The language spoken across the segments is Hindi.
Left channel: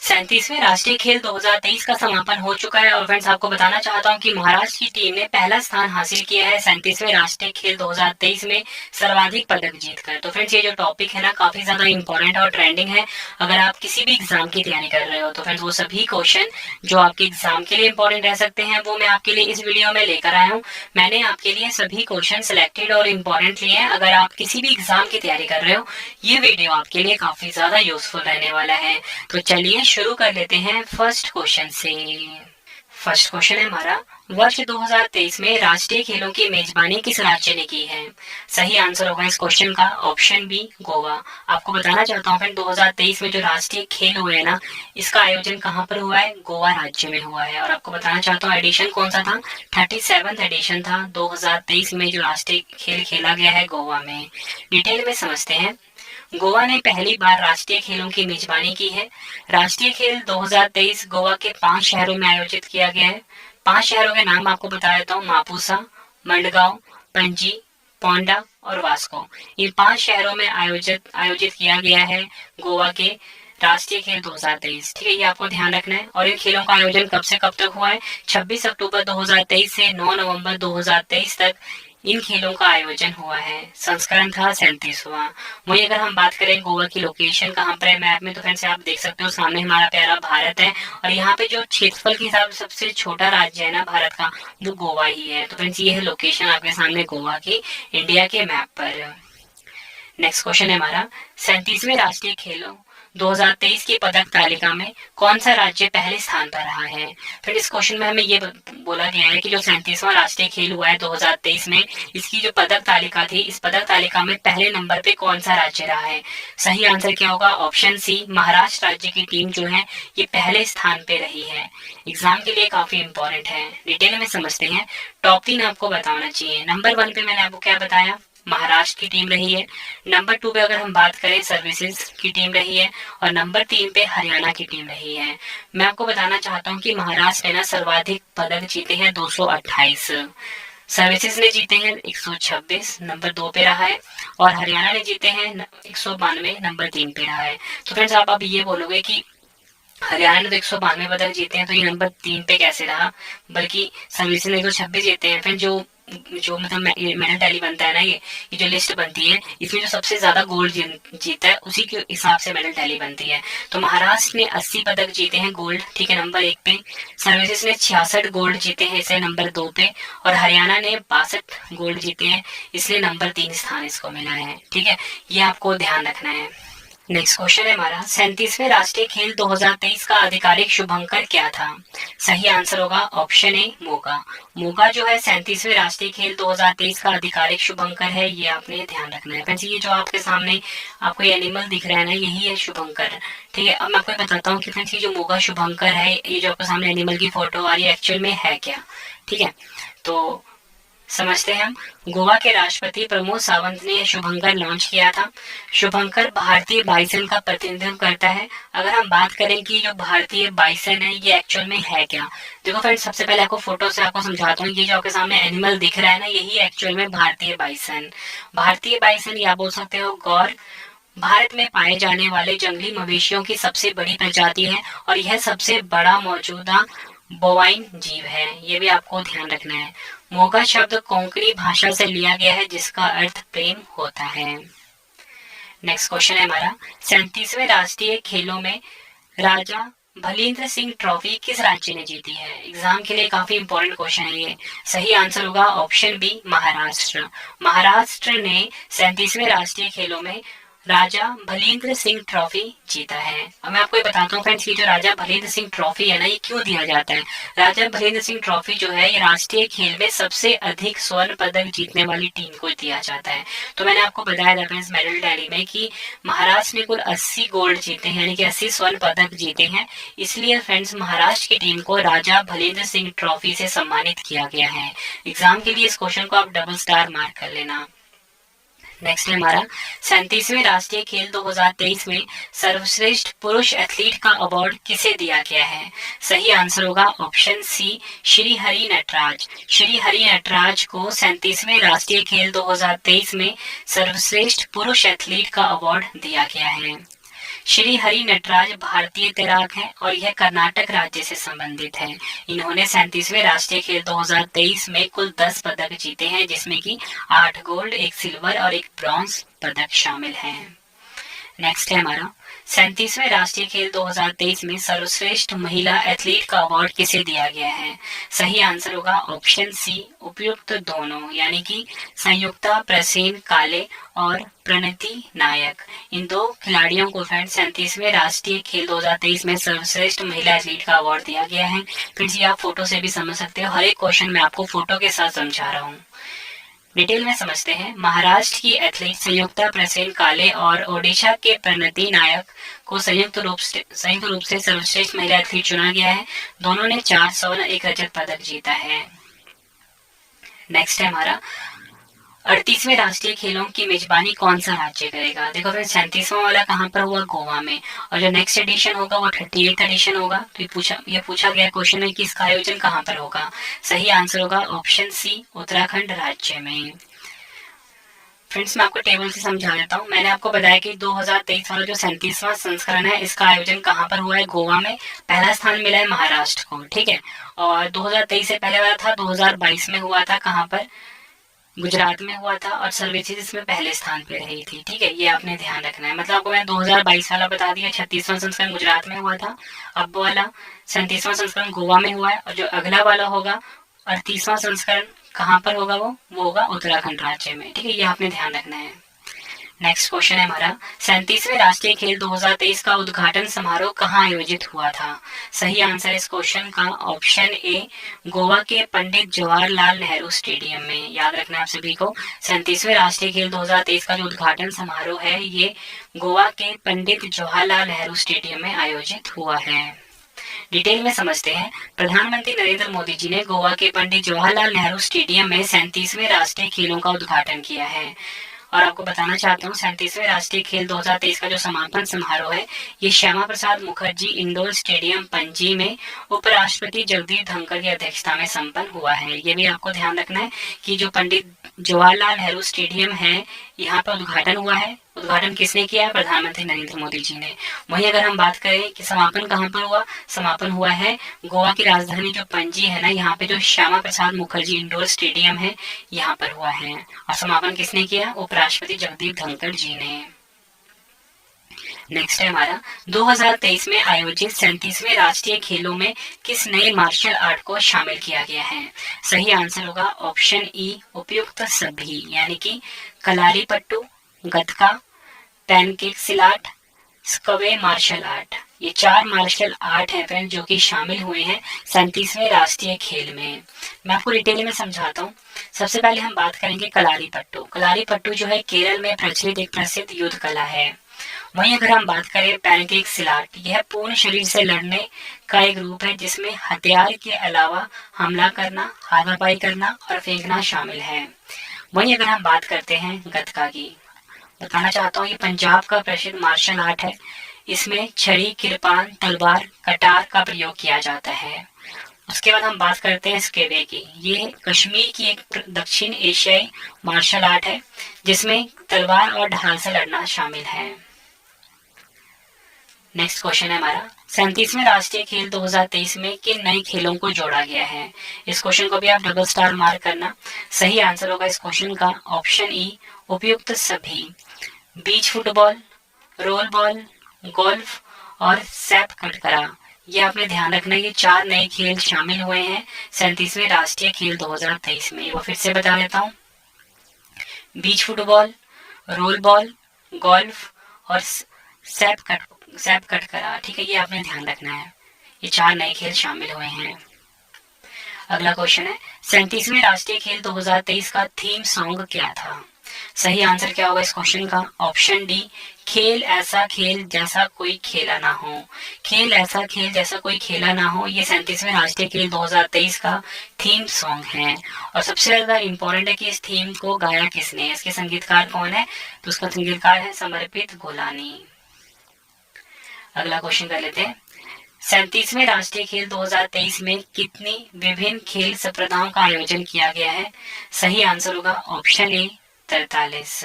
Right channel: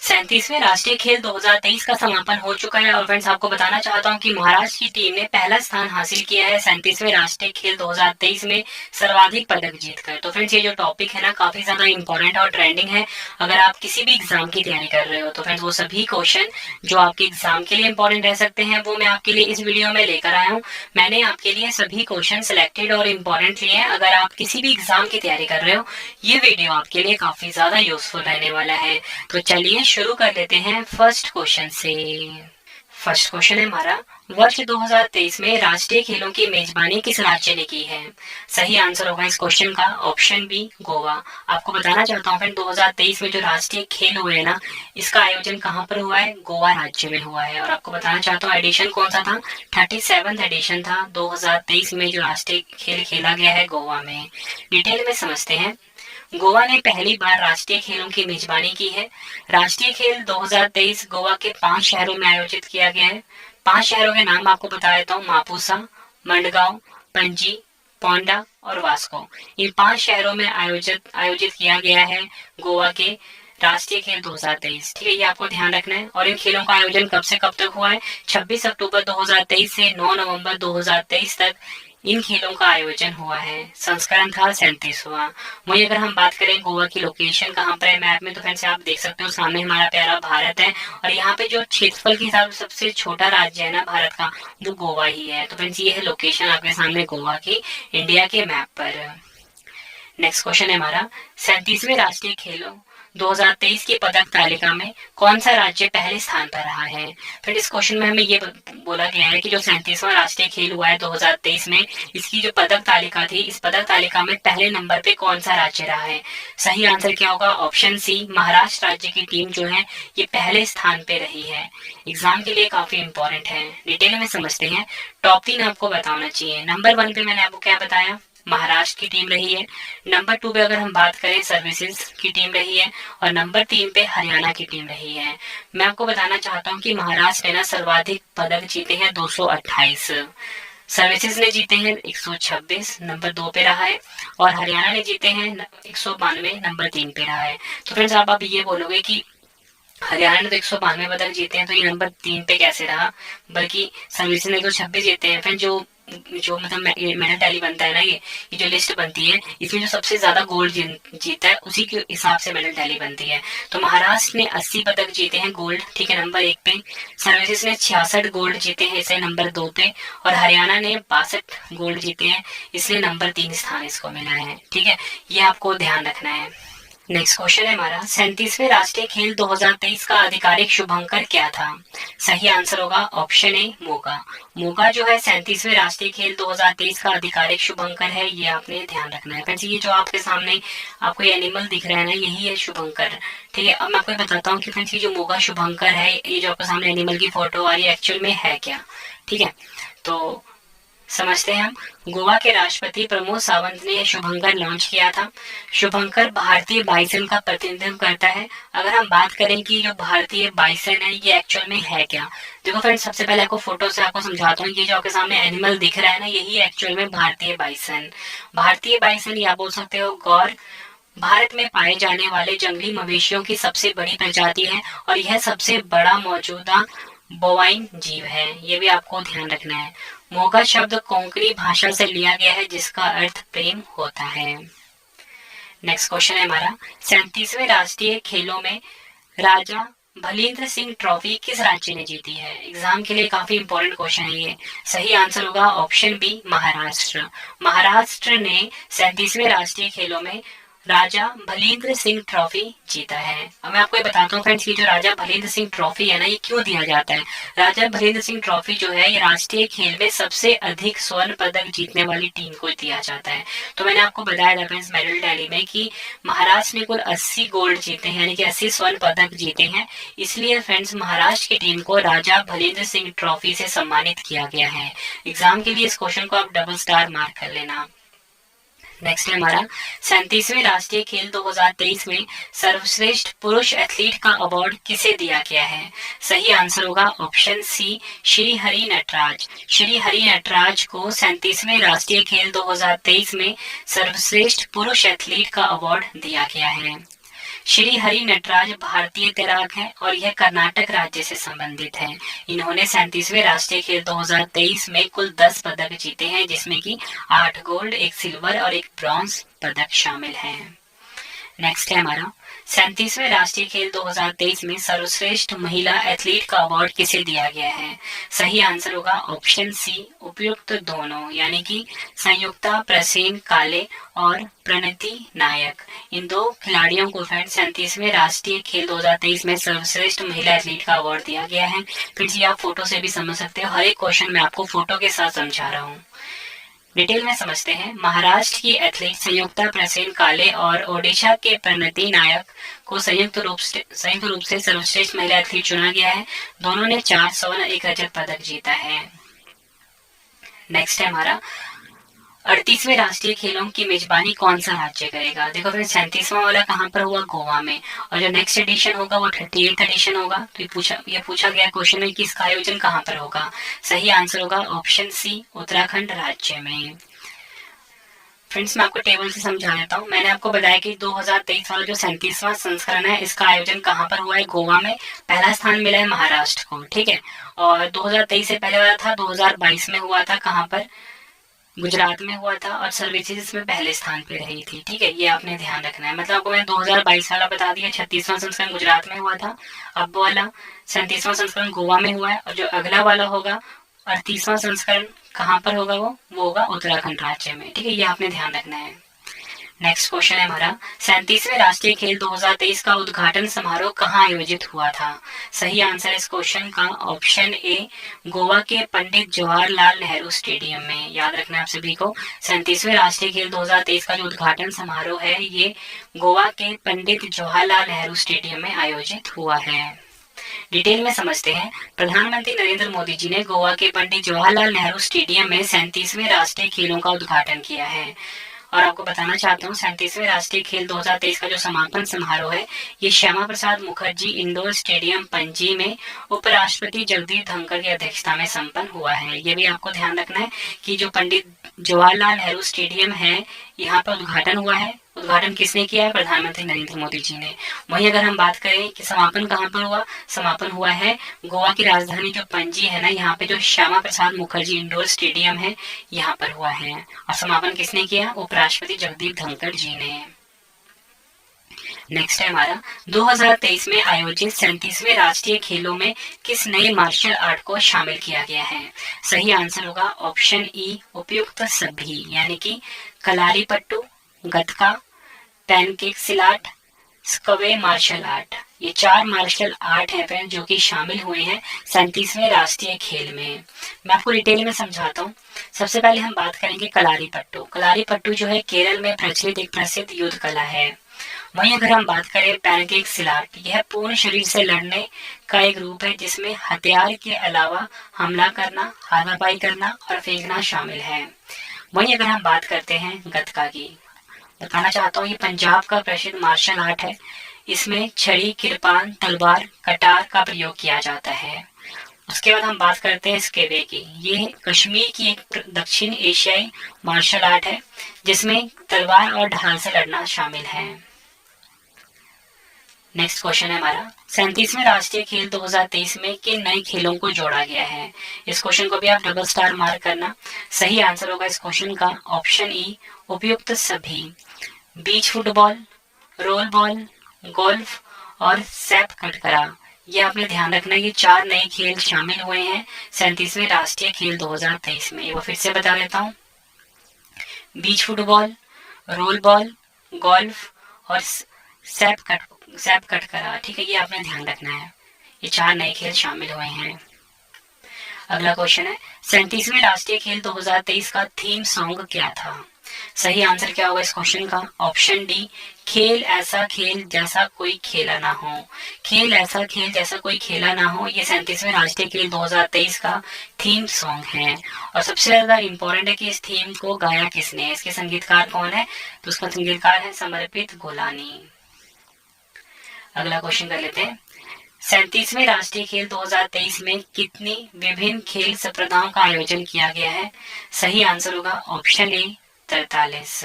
37वें राष्ट्रीय खेल 2023 का समापन हो चुका है और फ्रेंड्स आपको बताना चाहता हूं कि महाराष्ट्र की टीम ने पहला स्थान हासिल किया है 37वें राष्ट्रीय खेल 2023 में सर्वाधिक पदक जीतकर। तो फ्रेंड्स ये जो टॉपिक है ना काफी ज्यादा इंपॉर्टेंट और ट्रेंडिंग है। अगर आप किसी भी एग्जाम की तैयारी कर रहे हो तो फ्रेंड्स वो सभी क्वेश्चन जो आपके एग्जाम के लिए इंपॉर्टेंट रह सकते हैं वो मैं आपके लिए इस वीडियो में लेकर आया हूँ। मैंने आपके लिए सभी क्वेश्चन सिलेक्टेड और इम्पोर्टेंट लिए हैं। अगर आप किसी भी एग्जाम की तैयारी कर रहे हो ये वीडियो आपके लिए काफी ज्यादा यूजफुल रहने वाला है। तो चलिए शुरू कर लेते हैं फर्स्ट क्वेश्चन से। फर्स्ट क्वेश्चन है हमारा, वर्ष 2023 में राष्ट्रीय खेलों की मेजबानी किस राज्य ने की है? सही आंसर होगा इस क्वेश्चन का ऑप्शन बी, गोवा। आपको बताना चाहता हूँ फ्रेंड 2023 में जो राष्ट्रीय खेल हुए हैं ना, इसका आयोजन कहाँ पर हुआ है? गोवा राज्य में हुआ है। और आपको बताना चाहता हूँ एडिशन कौन सा था? 37वां एडिशन था 2023 में जो राष्ट्रीय खेल खेला गया है गोवा में। डिटेल में समझते हैं। गोवा ने पहली बार राष्ट्रीय खेलों की मेजबानी की है। राष्ट्रीय खेल 2023 गोवा के 5 शहरों में आयोजित किया गया है। 5 शहरों के नाम आपको बता देता हूँ, मापुसा, मंडगांव, पणजी, पोंडा और वास्को। ये 5 शहरों में आयोजित किया गया है गोवा के राष्ट्रीय खेल 2023। ठीक है, ये आपको ध्यान रखना है। और इन खेलों का आयोजन कब से कब तक हुआ है? 26 अक्टूबर 2023 से 9 नवंबर 2023 तक इन खेलों का आयोजन हुआ है। संस्करण था 37वां। वहीं अगर हम बात करें गोवा की लोकेशन कहाँ पर है मैप में, तो फ्रेंड्स आप देख सकते हो सामने हमारा प्यारा भारत है और यहाँ पे जो क्षेत्रफल के हिसाब से सबसे छोटा राज्य है ना भारत का, वो गोवा ही है। तो फ्रेंड्स ये है लोकेशन आपके सामने गोवा की इंडिया के मैप पर। नेक्स्ट क्वेश्चन है हमारा, 37वें राष्ट्रीय खेलों 2023 की पदक तालिका में कौन सा राज्य पहले स्थान पर रहा है? फिर इस क्वेश्चन में हमें ये बोला गया है कि जो 37वां राष्ट्रीय खेल हुआ है 2023 में, इसकी जो पदक तालिका थी, इस पदक तालिका में पहले नंबर पे कौन सा राज्य रहा है? सही आंसर क्या होगा? ऑप्शन सी, महाराष्ट्र राज्य की टीम जो है ये पहले स्थान पे रही है। एग्जाम के लिए काफी इंपॉर्टेंट है। डिटेल में समझते हैं। टॉप 3 आपको बताना चाहिए। नंबर 1 पे मैंने आपको क्या बताया? महाराष्ट्र की टीम रही है। नंबर 2 पे अगर हम बात करें सर्विसेज की टीम रही है और नंबर 3 पे हरियाणा की टीम रही है। मैं आपको बताना चाहता हूँ कि महाराष्ट्र ने ना सर्वाधिक पदक जीते हैं 228, सर्विसेज ने जीते हैं 126, नंबर 2 पे रहा है, और हरियाणा ने जीते हैं 192, नंबर 3 पे रहा है। तो फ्रेंड्स आप ये बोलोगे कि हरियाणा ने तो 192 पदक जीते हैं तो ये नंबर 3 पे कैसे रहा, बल्कि सर्विसेज ने 126 जीते हैं। फिर जो जो मतलब मेडल टैली बनता है ना, ये जो लिस्ट बनती है इसमें जो सबसे ज्यादा गोल्ड जीता है उसी के हिसाब से मेडल टैली बनती है। तो महाराष्ट्र ने 80 पदक जीते हैं गोल्ड, ठीक है, नंबर 1 पे। सर्विसेज ने 66 गोल्ड जीते हैं, इसलिए नंबर 2 पे। और हरियाणा ने 62 गोल्ड जीते हैं, इसलिए नंबर 3 स्थान इसको मिला है। ठीक है, ये आपको ध्यान रखना है। नेक्स्ट क्वेश्चन है हमारा, 37वें राष्ट्रीय खेल 2023 का आधिकारिक शुभंकर क्या था? सही आंसर होगा ऑप्शन ए, मोगा। मोगा जो है 37वें राष्ट्रीय खेल 2023 का आधिकारिक शुभंकर है, ये आपने ध्यान रखना है। फ्रेंड्स ये जो आपके सामने आपको ये एनिमल दिख रहा है ना, यही है शुभंकर। ठीक है, अब मैं आपको बताता हूँ कि फ्रेंड्स ये जो मोगा शुभंकर है, ये जो आपके सामने एनिमल की फोटो आ रही है, एक्चुअल में है क्या? ठीक है, तो समझते हैं हम। गोवा के राष्ट्रपति प्रमोद सावंत ने शुभंकर लॉन्च किया था। शुभंकर भारतीय बाइसन का प्रतिनिधित्व करता है। अगर हम बात करें कि जो भारतीय बाइसन है ये एक्चुअल में है क्या, देखो फ्रेंड्स सबसे पहले आपको फोटो से आपको समझाता हूँ। ये जो आपके सामने एनिमल दिख रहा है ना, यही एक्चुअल में भारतीय बाइसन। भारतीय बाइसन या बोल सकते हो गौर, भारत में पाए जाने वाले जंगली मवेशियों की सबसे बड़ी प्रजाति है और यह सबसे बड़ा मौजूदा बोवाइन जीव है, ये भी आपको ध्यान रखना है। मोगा शब्द कोंकणी भाषा से लिया गया है जिसका अर्थ प्रेम होता है। नेक्स्ट क्वेश्चन है हमारा, 37वें राष्ट्रीय खेलों में राजा भलींद्र सिंह ट्रॉफी किस राज्य ने जीती है? एग्जाम के लिए काफी इंपॉर्टेंट क्वेश्चन है ये। सही आंसर होगा ऑप्शन बी, महाराष्ट्र। महाराष्ट्र ने 37वें राष्ट्रीय खेलों में राजा भलींद्र सिंह ट्रॉफी जीता है। अब मैं आपको ये बताता हूँ फ्रेंड्स, ये जो राजा भलींद्र सिंह ट्रॉफी है ना, ये क्यों दिया जाता है? राजा भलींद्र सिंह ट्रॉफी जो है ये राष्ट्रीय खेल में सबसे अधिक स्वर्ण पदक जीतने वाली टीम को दिया जाता है। तो मैंने आपको बताया था फ्रेंड्स मेडल टैली में कि महाराष्ट्र ने कुल 80 गोल्ड जीते हैं, यानी कि 80 स्वर्ण पदक जीते हैं। इसलिए फ्रेंड्स महाराष्ट्र की टीम को राजा भलींद्र सिंह ट्रॉफी से सम्मानित किया गया है। एग्जाम के लिए इस क्वेश्चन को आप डबल स्टार मार्क कर लेना। नेक्स्ट है हमारा, 37वें राष्ट्रीय खेल 2023 में सर्वश्रेष्ठ पुरुष एथलीट का अवार्ड किसे दिया गया है? सही आंसर होगा ऑप्शन सी, श्री हरि नटराज। श्री हरि नटराज को 37वें राष्ट्रीय खेल 2023 में सर्वश्रेष्ठ पुरुष एथलीट का अवार्ड दिया गया है। श्री हरि नटराज भारतीय तैराक हैं और यह कर्नाटक राज्य से संबंधित है। इन्होंने 37वें राष्ट्रीय खेल 2023 में कुल 10 पदक जीते हैं, जिसमें कि 8 गोल्ड, 1 सिल्वर और 1 ब्रॉन्ज पदक शामिल हैं। नेक्स्ट है हमारा 37वें राष्ट्रीय खेल 2023 में सर्वश्रेष्ठ महिला एथलीट का अवार्ड किसे दिया गया है? सही आंसर होगा ऑप्शन सी, उपयुक्त दोनों, यानी कि संयुक्ता प्रसेन काले और प्रणति नायक। इन दो खिलाड़ियों को फ्रेंड्स 37वें राष्ट्रीय खेल 2023 में सर्वश्रेष्ठ महिला एथलीट का अवार्ड दिया गया है। फिर जी आप फोटो से भी समझ सकते हो, हर एक क्वेश्चन मैं आपको फोटो के साथ समझा रहा हूँ। डिटेल में समझते हैं। महाराष्ट्र की एथलीट संयुक्ता प्रसेन काले और ओडिशा के प्रणति नायक को संयुक्त रूप से सर्वश्रेष्ठ महिला एथलीट चुना गया है। दोनों ने 4 स्वर्ण 1 रजत पदक जीता है। नेक्स्ट है हमारा 38वें राष्ट्रीय खेलों की मेजबानी कौन सा राज्य करेगा? देखो फ्रेंड्स 37वां वाला कहाँ पर हुआ? गोवा में। और जो नेक्स्ट एडिशन होगा वो 38th एडिशन होगा। तो ये पूछा गया क्वेश्चन में कि इसका आयोजन कहाँ पर होगा? सही आंसर होगा ऑप्शन सी, उत्तराखंड राज्य में। फ्रेंड्स मैं आपको टेबल से समझा देता हूँ। मैंने आपको बताया कि 2023 वाला जो 37वां संस्करण है इसका आयोजन कहाँ पर हुआ है? गोवा में। पहला स्थान मिला है महाराष्ट्र को, ठीक है। और 2023 से पहले वाला था 2022 में हुआ था, कहाँ पर? गुजरात में हुआ था और सर्विसेज इसमें पहले स्थान पे रही थी, ठीक है। ये आपने ध्यान रखना है। मतलब आपको मैंने 2022 वाला बता दिया, 36वां संस्करण गुजरात में हुआ था। अब वाला 37वां संस्करण गोवा में हुआ है और जो अगला वाला होगा 38वां संस्करण कहाँ पर होगा? वो होगा उत्तराखंड राज्य में, ठीक है। ये आपने ध्यान रखना है। नेक्स्ट क्वेश्चन है हमारा 37वें राष्ट्रीय खेल 2023 का उद्घाटन समारोह कहाँ आयोजित हुआ था? सही आंसर इस क्वेश्चन का ऑप्शन ए, गोवा के पंडित जवाहरलाल नेहरू स्टेडियम में। याद रखना आप सभी को, 37वें राष्ट्रीय खेल 2023 का जो उद्घाटन समारोह है ये गोवा के पंडित जवाहरलाल नेहरू स्टेडियम में आयोजित हुआ है। डिटेल में समझते हैं। प्रधानमंत्री नरेंद्र मोदी जी ने गोवा के पंडित जवाहरलाल नेहरू स्टेडियम में 37वें राष्ट्रीय खेलों का उद्घाटन किया है। और आपको बताना चाहता हूँ 37वें राष्ट्रीय खेल 2023 का जो समापन समारोह है ये श्यामा प्रसाद मुखर्जी इंडोर स्टेडियम पणजी में उपराष्ट्रपति जगदीप धनखड़ की अध्यक्षता में संपन्न हुआ है। ये भी आपको ध्यान रखना है कि जो पंडित जवाहरलाल नेहरू स्टेडियम है यहाँ पर उद्घाटन हुआ है। उद्घाटन किसने किया है? प्रधानमंत्री नरेंद्र मोदी जी ने। वहीं अगर हम बात करें कि समापन कहाँ पर हुआ, समापन हुआ है गोवा की राजधानी जो पणजी है ना, यहाँ पे जो श्यामा प्रसाद मुखर्जी इंडोर स्टेडियम है यहाँ पर हुआ है। और समापन किसने किया? उपराष्ट्रपति जगदीप धनखड़ जी ने। नेक्स्ट है हमारा 2023 में आयोजित 37वें राष्ट्रीय खेलों में किस नए मार्शल आर्ट को शामिल किया गया है? सही आंसर होगा ऑप्शन ई, उपयुक्त सभी, यानी कि कलारी पट्टू, गतका, पैनकेक सिलाट, स्क्वे मार्शल आर्ट। ये 4 मार्शल आर्ट हैं फ्रेंड्स जो कि शामिल हुए हैं 37वें राष्ट्रीय खेल में। मैं आपको डिटेल में समझाता हूँ। सबसे पहले हम बात करेंगे कलारी पट्टू। कलारी पट्टू जो है केरल में प्रचलित एक प्रसिद्ध युद्ध कला है। वहीं अगर हम बात करें पैनकेक सिलाट, यह पूर्ण शरीर से लड़ने का एक रूप है जिसमें हथियार के अलावा हमला करना, हाथापाई करना और फेंकना शामिल है। वहीं अगर हम बात करते हैं गतका की, बताना चाहता हूँ ये पंजाब का प्रसिद्ध मार्शल आर्ट है। इसमें छड़ी, किरपान, तलवार, कटार का प्रयोग किया जाता है। उसके बाद हम बात करते हैं स्केवे की। ये कश्मीर की एक दक्षिण एशियाई मार्शल आर्ट है जिसमें तलवार और ढाल से लड़ना शामिल है। नेक्स्ट क्वेश्चन है हमारा 37वें राष्ट्रीय खेल 2023 में किन नए खेलों को जोड़ा गया है? इस क्वेश्चन को भी आप डबल स्टार मार्क करना। सही आंसर होगा इस क्वेश्चन का ऑप्शन ई, उपयुक्त सभी। बीच फुटबॉल, रोल बॉल, गोल्फ और सैप कटकरा। ये आपने ध्यान रखना है, ये 4 नए खेल शामिल हुए हैं 37वें राष्ट्रीय खेल 2023 में। वो फिर से बता देता हूँ, बीच फुटबॉल, रोल बॉल, गोल्फ और सैप कटकरा, ठीक है। ये आपने ध्यान रखना है, ये 4 नए खेल शामिल हुए हैं। अगला क्वेश्चन है 37वें राष्ट्रीय खेल 2023 का थीम सॉन्ग क्या था? सही आंसर क्या होगा इस क्वेश्चन का? ऑप्शन डी, खेल ऐसा खेल जैसा कोई खेला ना हो। खेल ऐसा खेल जैसा कोई खेला ना हो, ये 37वें राष्ट्रीय खेल 2023 का थीम सॉन्ग है। और सबसे ज्यादा इंपॉर्टेंट है कि इस थीम को गाया किसने है, इसके संगीतकार कौन है? तो उसका संगीतकार है समर्पित गोलानी। अगला क्वेश्चन कर लेते हैं 37वें राष्ट्रीय खेल 2023 में कितनी विभिन्न खेल स्पर्धाओं का आयोजन किया गया है? सही आंसर होगा ऑप्शन ए, 43।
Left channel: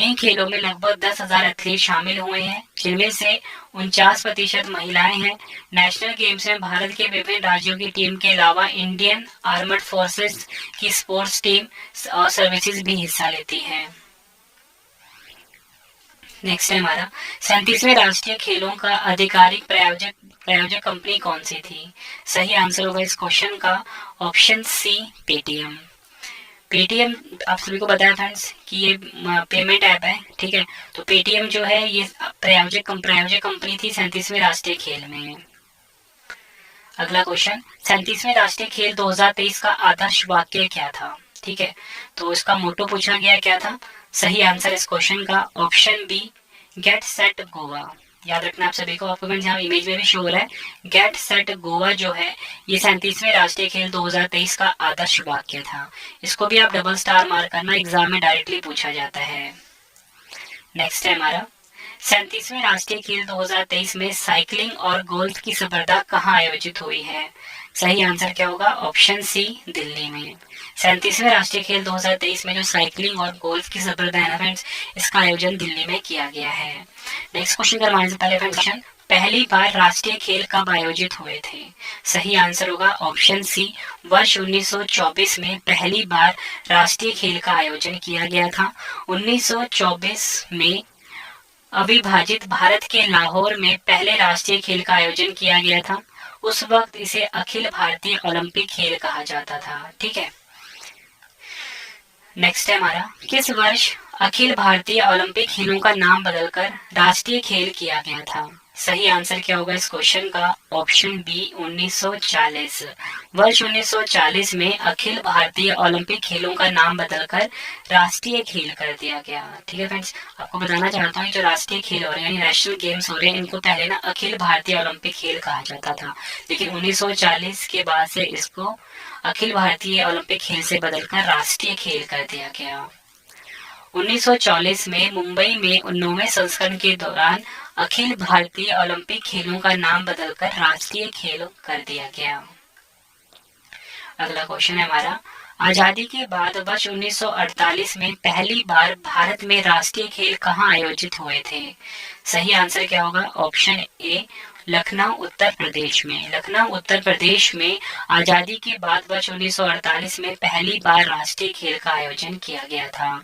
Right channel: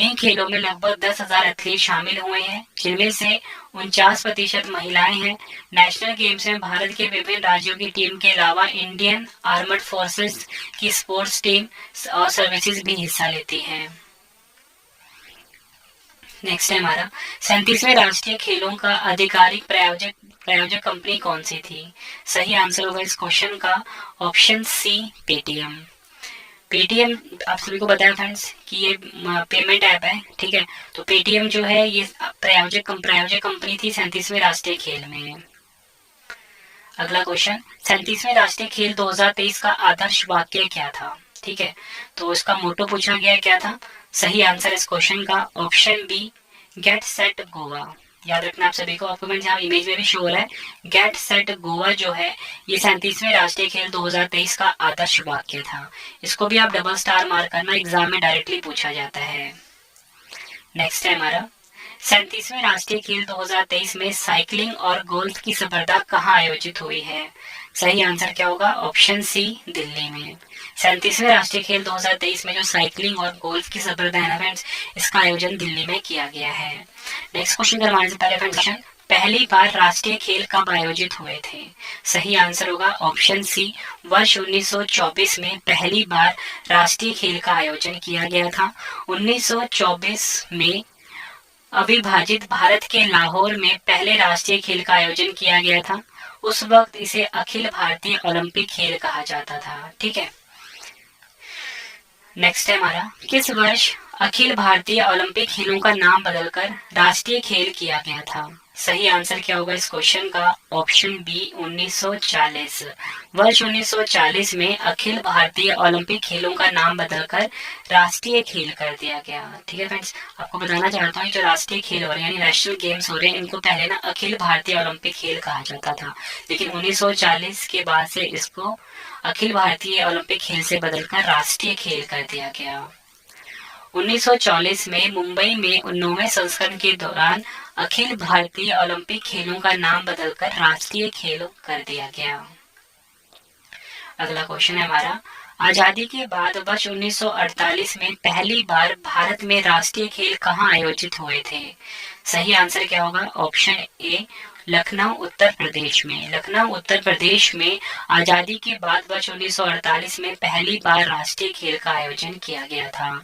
इन खेलों में लगभग 10,000 एथलीट शामिल हुए हैं, जिनमें से 49% महिलाएं हैं। नेशनल गेम्स में भारत के विभिन्न राज्यों की टीम के अलावा इंडियन आर्मड फोर्सेस की स्पोर्ट्स टीम और सर्विसेज भी हिस्सा लेती हैं। नेक्स्ट है हमारा 37वें राष्ट्रीय खेलों का आधिकारिक प्रायोजक कंपनी कौन सी थी? सही आंसर होगा इस क्वेश्चन का ऑप्शन सी, पेटीएम। पेटीएम आप सभी को बताया फ्रेंड्स कि ये पेमेंट ऐप है, ठीक है। तो पेटीएम जो है ये प्रायोजक कंपनी थी 37वें राष्ट्रीय खेल में। अगला क्वेश्चन 37वें राष्ट्रीय खेल 2023 का आदर्श वाक्य क्या था? ठीक है, तो इसका मोटो पूछा गया क्या था? सही आंसर इस क्वेश्चन का option B, get set Goa. याद रखना आप सभी को, आपको मैं यहाँ इमेज में भी शो हो रहा है, गेट सेट गोवा जो है ये 37वें राष्ट्रीय खेल 2023 का आदर्श वाक्य था। इसको भी आप डबल स्टार मार्क करना, एग्जाम में डायरेक्टली पूछा जाता है। नेक्स्ट है हमारा 37वें राष्ट्रीय खेल 2023 में साइकिलिंग और गोल्फ की स्पर्धा कहाँ आयोजित हुई है? सही आंसर क्या होगा? ऑप्शन सी, दिल्ली में। 37वें राष्ट्रीय खेल 2023 में जो साइकिलिंग और गोल्फ की स्पर्धा है ना फ्रेंड्स, इसका आयोजन दिल्ली में किया गया है। नेक्स्ट क्वेश्चन करवाने से पहले फ्रेंड्स, पहली बार राष्ट्रीय खेल कब आयोजित हुए थे? सही आंसर होगा ऑप्शन सी, वर्ष 1924 में पहली बार राष्ट्रीय खेल का आयोजन किया गया था। 1924 में अविभाजित भारत के लाहौर में पहले राष्ट्रीय खेल का आयोजन किया गया था। उस वक्त इसे अखिल भारतीय ओलंपिक खेल कहा जाता था, ठीक है। नेक्स्ट है हमारा किस वर्ष अखिल भारतीय ओलंपिक खेलों का नाम बदलकर राष्ट्रीय खेल किया गया था? सही आंसर क्या होगा इस क्वेश्चन का? Option B, 1940। वर्ष 1940 में अखिल भारतीय ओलंपिक खेलों का नाम बदलकर राष्ट्रीय खेल कर दिया गया, ठीक है फ्रेंड्स। आपको बताना चाहता हूँ जो राष्ट्रीय खेल हो रहे हैं यानी नेशनल गेम्स हो रहे हैं, इनको पहले ना अखिल भारतीय ओलंपिक खेल कहा जाता था, लेकिन 1940 के बाद से इसको अखिल भारतीय ओलंपिक खेल से बदलकर राष्ट्रीय खेल कर दिया गया। 1940 में मुंबई में 19वें संस्करण के दौरान अखिल भारतीय ओलंपिक खेलों का नाम बदलकर राष्ट्रीय खेल कर दिया गया। अगला क्वेश्चन है हमारा आजादी के बाद वर्ष 1948 में पहली बार भारत में राष्ट्रीय खेल कहाँ आयोजित हुए थे? सही आंसर क्या होगा? ऑप्शन ए, लखनऊ उत्तर प्रदेश में। लखनऊ उत्तर प्रदेश में आजादी के बाद वर्ष 1948 में पहली बार राष्ट्रीय खेल का आयोजन किया गया था।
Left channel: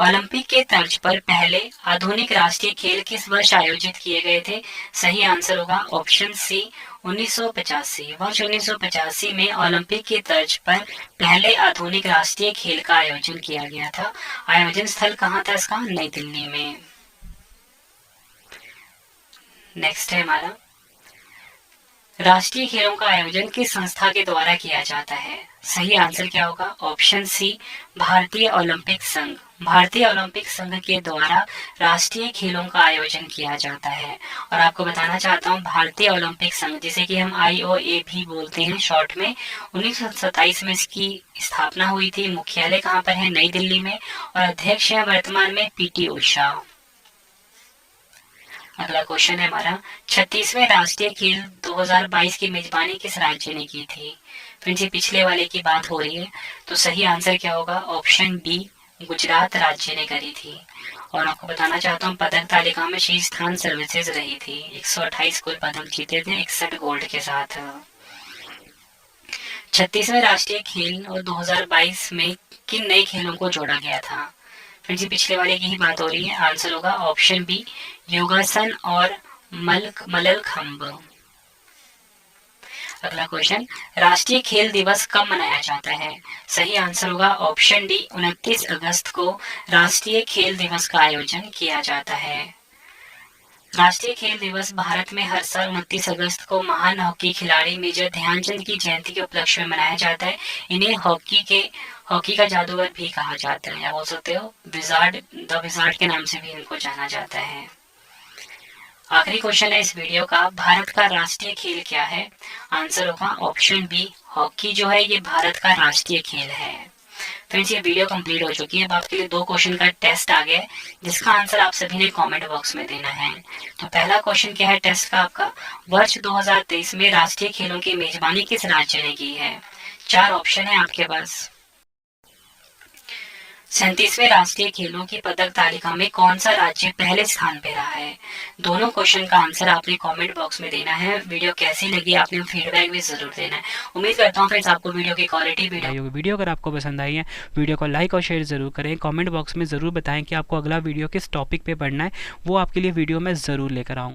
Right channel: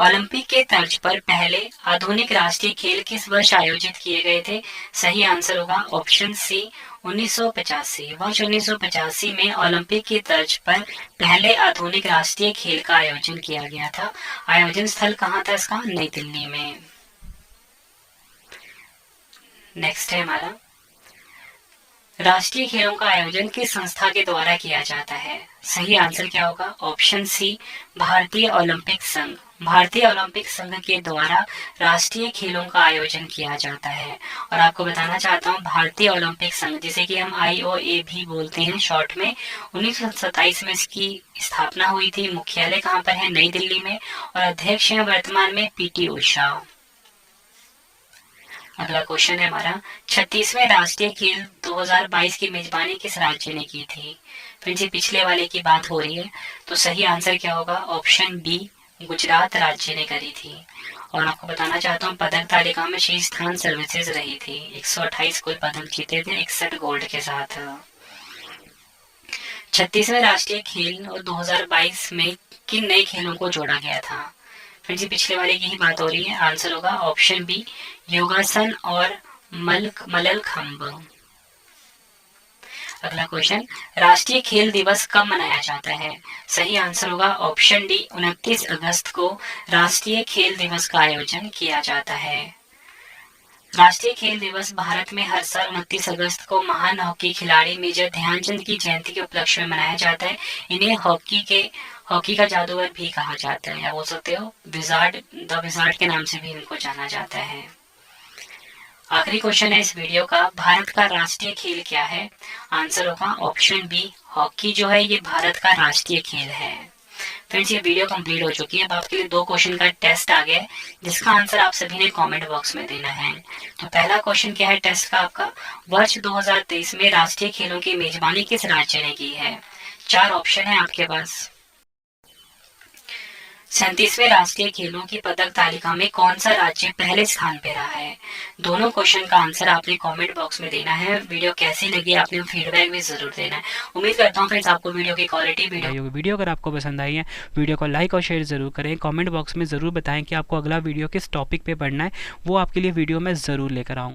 ओलंपिक के तर्ज पर पहले आधुनिक राष्ट्रीय खेल किस वर्ष आयोजित किए गए थे? सही आंसर होगा ऑप्शन सी, 1985। वर्ष 1985 में ओलंपिक के तर्ज पर पहले आधुनिक राष्ट्रीय खेल का आयोजन किया गया था। आयोजन स्थल कहाँ था इसका? नई दिल्ली में। नेक्स्ट है हमारा राष्ट्रीय खेलों का आयोजन किस संस्था के द्वारा किया जाता है? सही आंसर क्या होगा? ऑप्शन सी, भारतीय ओलंपिक संघ। भारतीय ओलंपिक संघ के द्वारा राष्ट्रीय खेलों का आयोजन किया जाता है। और आपको बताना चाहता हूँ भारतीय ओलंपिक संघ जिसे कि हम IOA भी बोलते हैं शॉर्ट में, 1927 में इसकी स्थापना हुई थी। मुख्यालय कहाँ पर है? नई दिल्ली में। और अध्यक्ष हैं वर्तमान में PT उषा। अगला क्वेश्चन है हमारा 36वें राष्ट्रीय खेल 2022 की मेजबानी किस राज्य ने की थी? फ्रेंड्स ये पिछले वाले की बात हो रही है, तो सही आंसर क्या होगा? ऑप्शन बी, गुजरात राज्य ने करी थी। और आपको बताना चाहता हूँ पदक तालिका में शीर्ष स्थान सर्विसेज रही थी। 128 कुल पदक जीते थे 61 गोल्ड के साथ। 36वें राष्ट्रीय खेल और 2022 में किन नए खेलों को जोड़ा गया था? फ्रेंड्स ये पिछले वाले की ही बात हो रही है। आंसर होगा ऑप्शन बी, योगासन और मल्लखंब। अगला क्वेश्चन राष्ट्रीय खेल दिवस कब मनाया जाता है? सही आंसर होगा ऑप्शन डी, 29 अगस्त को राष्ट्रीय खेल दिवस का आयोजन किया जाता है। राष्ट्रीय खेल दिवस भारत में हर साल 29 अगस्त को महान हॉकी खिलाड़ी मेजर ध्यानचंद की जयंती के उपलक्ष्य में मनाया जाता है। इन्हें हॉकी का जादूगर भी कहा जाता है, या बोल सकते हो द विजार्ड के नाम से भी इनको जाना जाता है। आखिरी क्वेश्चन है इस वीडियो का, भारत का राष्ट्रीय खेल क्या है? आंसर होगा ऑप्शन बी, हॉकी जो है ये भारत का राष्ट्रीय खेल है। फ्रेंड्स ये वीडियो कंप्लीट हो चुकी है। अब आपके लिए 2 क्वेश्चन का टेस्ट आ गया है जिसका आंसर आप सभी ने कमेंट बॉक्स में देना है। तो पहला क्वेश्चन क्या है टेस्ट का आपका, वर्ष 2023 में राष्ट्रीय खेलों की मेजबानी किस राज्य ने की है? 4 ऑप्शन है आपके पास। 37वें राष्ट्रीय खेलों की पदक तालिका में कौन सा राज्य पहले स्थान पे रहा है? दोनों क्वेश्चन का आंसर आपने कमेंट बॉक्स में देना है। वीडियो कैसी लगी आपने फीडबैक भी जरूर देना है। उम्मीद करता हूँ फ्रेंड्स आपको वीडियो की क्वालिटी वीडियो अगर आपको पसंद आई है वीडियो को लाइक और शेयर जरूर करें। कमेंट बॉक्स में ज़रूर बताएं कि आपको अगला वीडियो किस टॉपिक पे पढ़ना है, वो आपके लिए वीडियो मैं ज़रूर लेकर आऊँ।